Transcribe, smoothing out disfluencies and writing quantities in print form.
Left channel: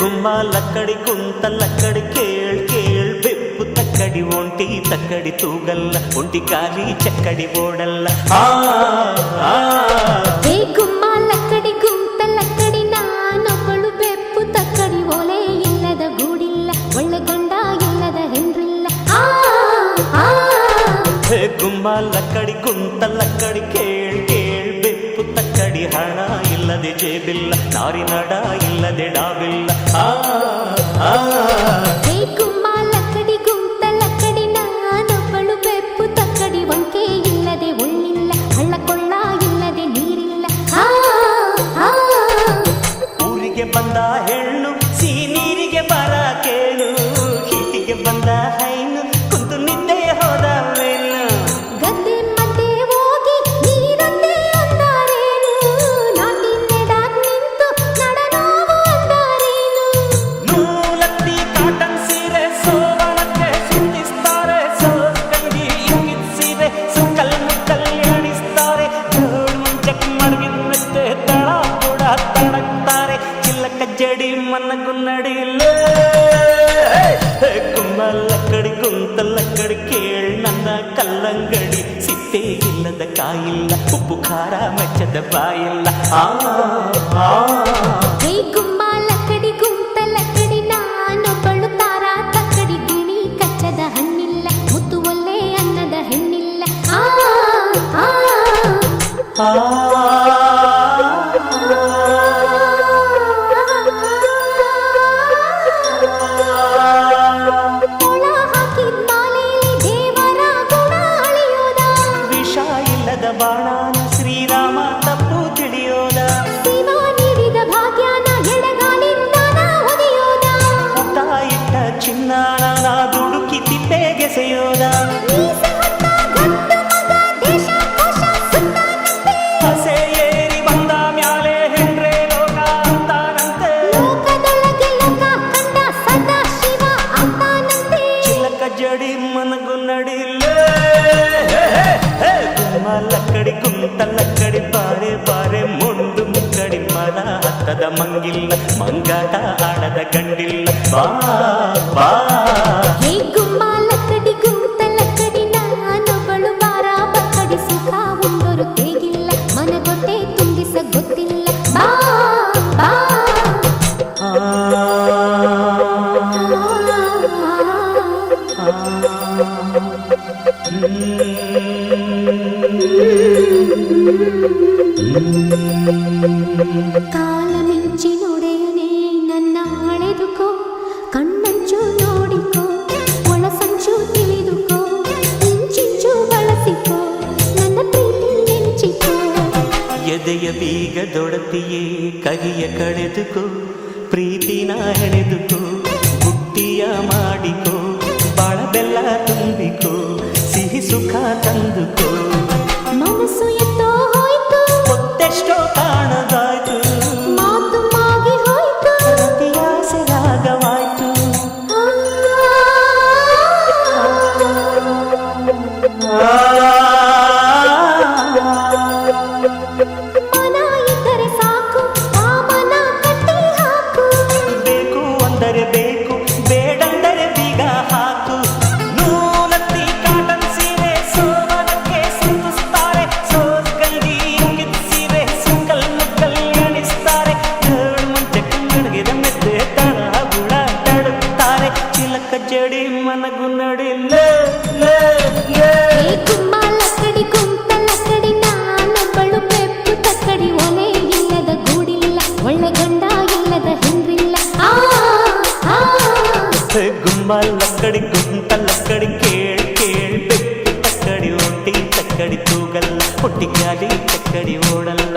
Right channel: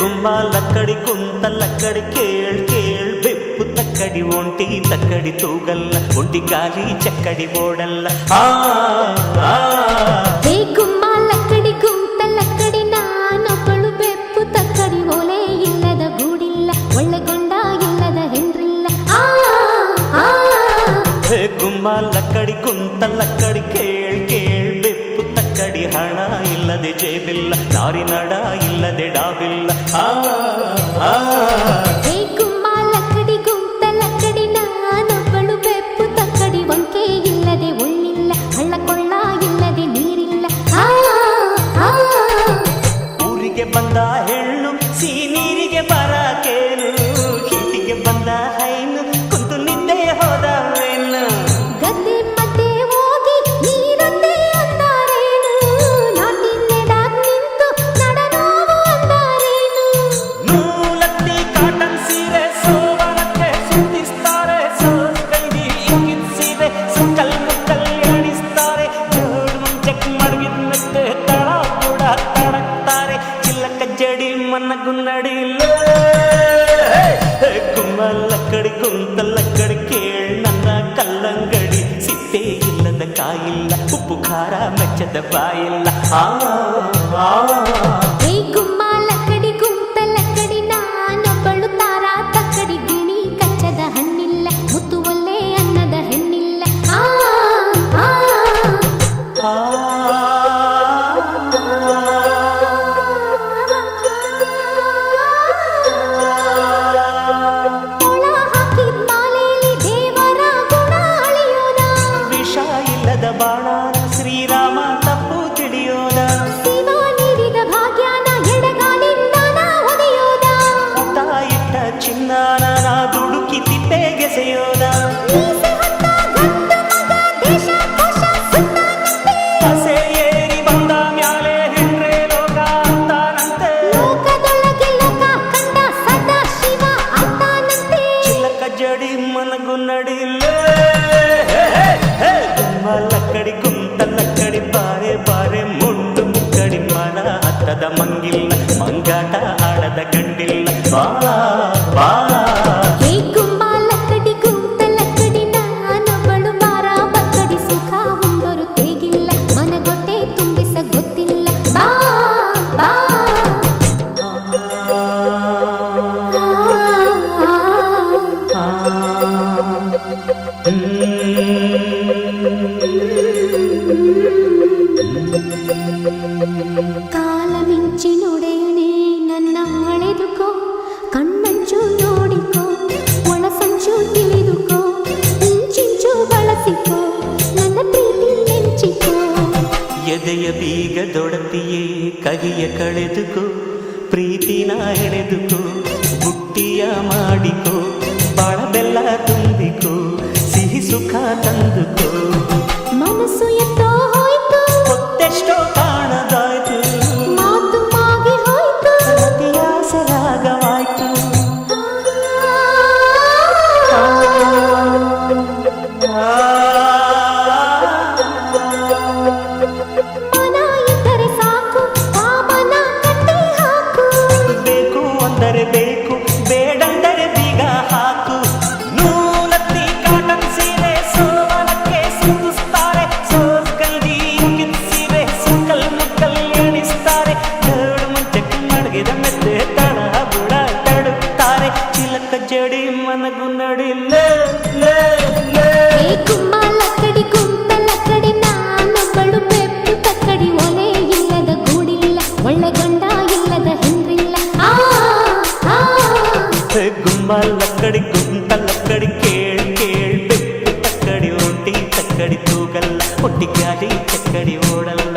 గుమ్మ లక్కడి గుంత లక్కడి కేళ్ కేళ్ బెప్పు తక్కడి ఒంటి తక్కడి తూగల్ల ఒంటి గాలి చక్కడి ఓడల్ల ಹೇ ಗುಮ್ಮ ಲಕ್ಕಡಿ ಗುಂತ ಲಕ್ಕಡಿ ನಾನೊಬ್ಬಳು ಬೆಪ್ಪು ತಕ್ಕಡಿ ಒಲೆ ಇಲ್ಲದ ಗೂಡಿಲ್ಲ ಒಳ್ಳೆಗೊಂಡ ಇಲ್ಲದ ಹೆಂಡ್ರಿಲ್ಲ ಹೇ ಗುಮ್ಮ ಲಕ್ಕಡಿ ಗುಂತ ಲಕ್ಕಡಿ ಕೇಳ್ ಕೇಳ್ ಬೆಪ್ಪು ತಕ್ಕಡಿ ಹಣ ಇಲ್ಲದೆ ಜೇಬಿಲ್ಲ ನಾರಿ ನಡ ಇಲ್ಲದೆ ಡಾಬಿಲ್ಲ ಹೇ ಗುಮ್ಮ ಲಕ್ಕಡಿ ಗುಂತ ಲಕ್ಕಡಿ ನಾನೊಬ್ಬಳು ಬೆಪ್ಪು ತಕ್ಕಡಿ ಒಂಕೆ ಇಲ್ಲದೆ ಒಳ್ಳಿಲ್ಲ ಹಳ್ಳ ಕೊಳ್ಳ ಇಲ್ಲದೆ ನೀರಿಲ್ಲ ಊರಿಗೆ ಬಂದ ಹೆಣ್ಣು ನೀರಿಗೆ ಬರಕೇನು ಹೀಟಿಗೆ ಬಂದ ಹೈನು ಕುಂತು ನಿದ್ದೆ ಹೋದವೇನು ಗದ್ದೆ ಮಧ್ಯೆ ಹೋಗಿ ನೀರೊಂದೇ ಅಂದಾರೇನು ನಾಟಿ ನೆಡಾಕ್ ನಿಂತು ನಡ ನೋವು ಅಂದಾರೇನು ನೂಲತ್ತಿ ಕಾಟನ್ ಸೀರೆ ಸೋವನಕ್ಕೆ ಸುತ್ತಿಸ್ತಾರೆ ಸೋಸ್ಗಂಜಿ ಇಂಕಿದ್ ಸೀರೆ ಸುಕ್ಕಲ್ ಮುಕ್ಕಲ್ ಎಣಿಸ್ತಾರೆ ಜೋಡ್ ಮುಂಚಕ್ ಮಡಗಿದ್ ಮೆತ್ತೆ ತಳ ಕೂಡ ತಡಕ್ತಾರೆ ಚಿಲ್ಲಕ ಜಡಿ ಮನಗುನ್ನಡಿಲ್ಲ ಗುಮ್ಮ ಲಕ್ಕಡಿ ಗುಂತ ಲಕ್ಕಡಿ ಕೇಳ್ ನನ್ನ ಕಲ್ಲಂಗಡಿ ಸಿಪ್ಪೆ ಇಲ್ಲದ ಕಾಯಿಲ್ಲ ಉಪ್ಪು ಖಾರ ಮೆಚ್ಚದ ಬಾಯಿಲ್ಲ ಹೇ ಗುಮ್ಮ ಲಕ್ಕಡಿ ಗುಂತ ಲಕ್ಕಡಿ ನಾನೊಬ್ಬಳು ತಾರ ತಕ್ಕಡಿ ಗಿಣಿ ಕಚ್ಚದ ಹಣ್ಣಿಲ್ಲ ಮುತ್ತು ಒಲ್ಲೆ ಅನ್ನದ ಹೆಣ್ಣಿಲ್ಲ ಇಲ್ಲದ ಬಾಣಾನ ಶ್ರೀರಾಮ ತಪ್ಪು ತಿಳಿಯೋದ ಶಿವ ನೀಡಿದ ಭಾಗ್ಯನ ಎಡಗಾಲಿಂದ ಒದೆಯೋದ ತಾಯಿಟ್ಟ ಚಿನ್ನಾನ ನಾ ದುಡುಕಿ ತಿಪ್ಪೆಗೆಸೆಯೋದ ಹಸೆ ಏರಿ ಬಂದ ಮ್ಯಾಲೆ ಹೆಂಡ್ರೆ ಲೋಕ ಅಂತಾನಂತೆ ಲೋಕದೊಳಗೆ ಲೋಕ ಕಂಡ ಸದಾ ಶಿವ ಅಂತಾನಂತೆ ಚಿಲ್ಲಕ ಜಡಿ ಮನಗು ನಡಿಲ್ಲ ಗುಮ್ಮ ಲಕ್ಕಡಿ ಗುಂತ ಲಕ್ಕಡಿ ಬಾರೆ ಬಾರೆ ಮುಂಡು ಮುಕ್ಕಡಿ ಮರ ಹತ್ತದ ಮಂಗಿಲ್ಲ ಮಂಗಾಟ ಆಡದ ಗಂಡಿಲ್ಲ ಬಾ ಬಾ ಹೇ ಗುಮ್ಮ ಲಕ್ಕಡಿ ಗುಂತ ಲಕ್ಕಡಿ ನಾನೊಬ್ಬಳು ಬಾರ ಬಕ್ಕಡಿ ಸುಖ ಉಂಡರು ತೇಗಿಲ್ಲ ಮನಗೊಟ್ಟೆ ತುಂಬಿಸ ಗೊತ್ತಿಲ್ಲ ಬಾ ಬಾ ಕಾಲ ಮಿಂಚಿ ನೋಡೆಯನೇ ನನ್ನ ಅಳೆದುಕೋ ಕಣ್ಣಂಚು ನೋಡಿಕೋ ಒಳಸಂಚು ತಿಳಿದುಕೋ ಇಂಚಿಂಚು ಬಳಸಿಕೋ ನನ್ನ ಪ್ರೀತಿ ನೆಂಚಿಕೋ ಎದೆಯ ಬೀಗದೊಡತಿಯೇ ಕಹಿಯ ಕಳೆದುಕೋ ಪ್ರೀತಿನ ಹೆಣೆದುಕೋ ಬುಟ್ಟಿಯ ಮಾಡಿಕೋ ಬಾಳ ಬೆಲ್ಲ ತುಂಬಿಕೋ ಸಿಹಿ ಸುಖ ತಂದುಕೋ ಮನಸ್ಸು ಎತ್ತೋ ಹೋಯ್ತು ಹೊತ್ತೆಷ್ಟೋ ಕಾಣದಾಯ್ತು ಮಾತು ಮಾಗಿ ಹೋಯ್ತು ರತಿಯಾಸೆ ರಾಗವಾಯ್ತು ಮನ ಇದ್ದರೆ ಸಾಕು ಕಾಮನ ಕಟ್ಟಿ ಹಾಕು ಬೇಕು ಅಂದರೆ ಬೇಕು ಬೇಡಂದರೆ ಬೀಗ ಹಾಕು ನೂಲತ್ತಿ ಕಾಟನ್ ಸೀರೆ ಸೋವನಕ್ಕೆ ಸುತ್ತಿಸ್ತಾರೆ ಸೋಸ್ಗಂಜಿ ಇಂಕಿದ್ ಸೀರೆ ಸುಕ್ಕಲ್ ಮುಕ್ಕಲ್ ಎಣಿಸ್ತಾರೆ ಜೋಡ್ ಮುಂಚಕ್ಕೆ ಮಡಗಿದ ಮೆತ್ತೆ ತಳ ಬುಡ ತಡುತ್ತಾರೆ ಚಿಲಕ ಜಡಿ ಮನಗು ನಡಿಲ್ಲ ಹೇ ಗುಮ್ಮ ಲಕ್ಕಡಿ ಗುಂತ ಲಕ್ಕಡಿ ನಾನೊಬ್ಬಳು ಬೆಪ್ಪು ತಕ್ಕಡಿ ಒಲೆ ಇಲ್ಲದ ಗೂಡಿಲ್ಲ ಒಳ್ಳೆಗೊಂಡ ಇಲ್ಲದ ಹೆಂಡ್ರಿಲ್ಲ ಗುಮ್ಮ ಲಕ್ಕಡಿ ಗುಂತ ಲಕ್ಕಡಿ ಕೇಳ್ ಕೇಳ್ ಬೆಪ್ಪು ತಕ್ಕಡಿ ಒಂಟಿ ತಕ್ಕಡಿ ತೂಗಲ್ಲ ಒಟ್ಟಿ ಗಾಲಿ ಚಕ್ಕಡಿ ಓಡಲ್ಲ